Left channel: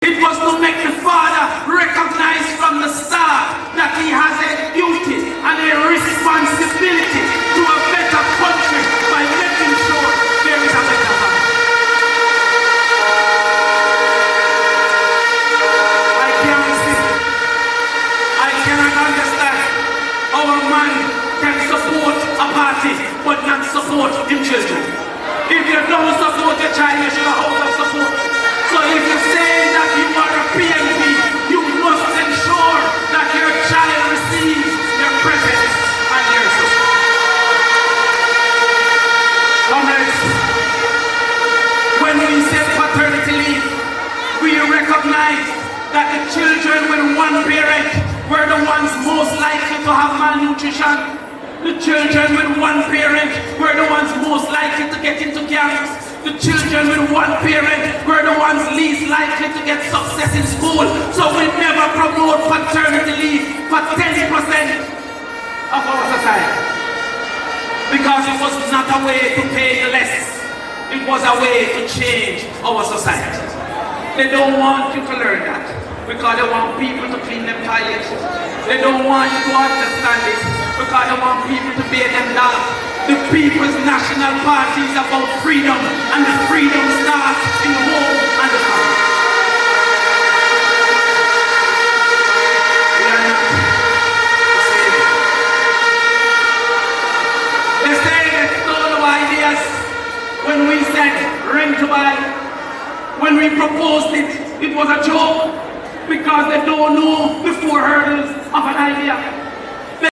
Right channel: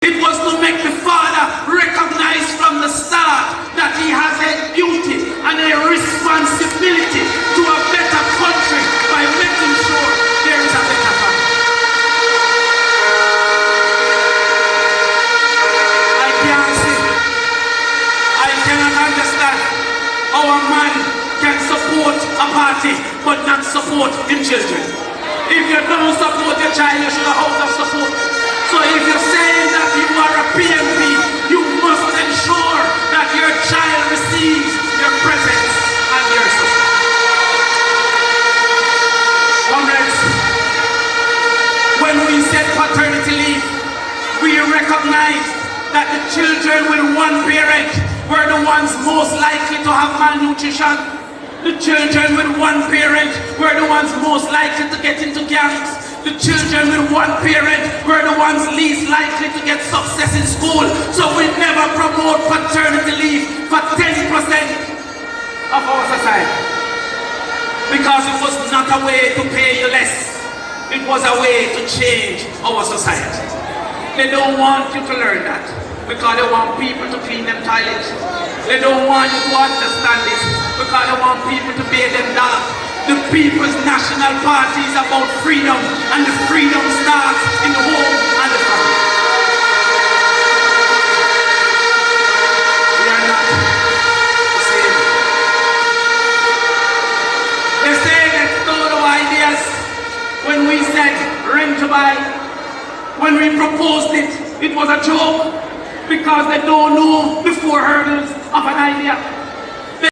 It was to make the father recognize from the start that he has a duty and a responsibility to a better country by making sure there is a better country. I cannot understand how a man can support a party but not support the children. If you don't support your child, you should have out of support. So if you're saying that you are a PMP, you must ensure that your child receives your presence and your assistance. Comrades, when we said paternity leave, we recognized that the children with one parent were the ones most likely to have malnutrition. The children with one parent were the ones most likely to get into gangs. The children with one parent were the ones least likely to get success in school. So we never promote paternity leave for 10% of our society. Because it was not a way to pay you less. It was a way to change our society. They don't want you to learn that. Because they want people to clean them toilets. They don't want you to understand this. Because they want people to pay them down. The People's National Party is about freedom, and the freedom starts in the home and the family. We are not the same. They say they stole our ideas when we said rent to buy. When we proposed it, it was a joke because they don't know the four hurdles of an idea.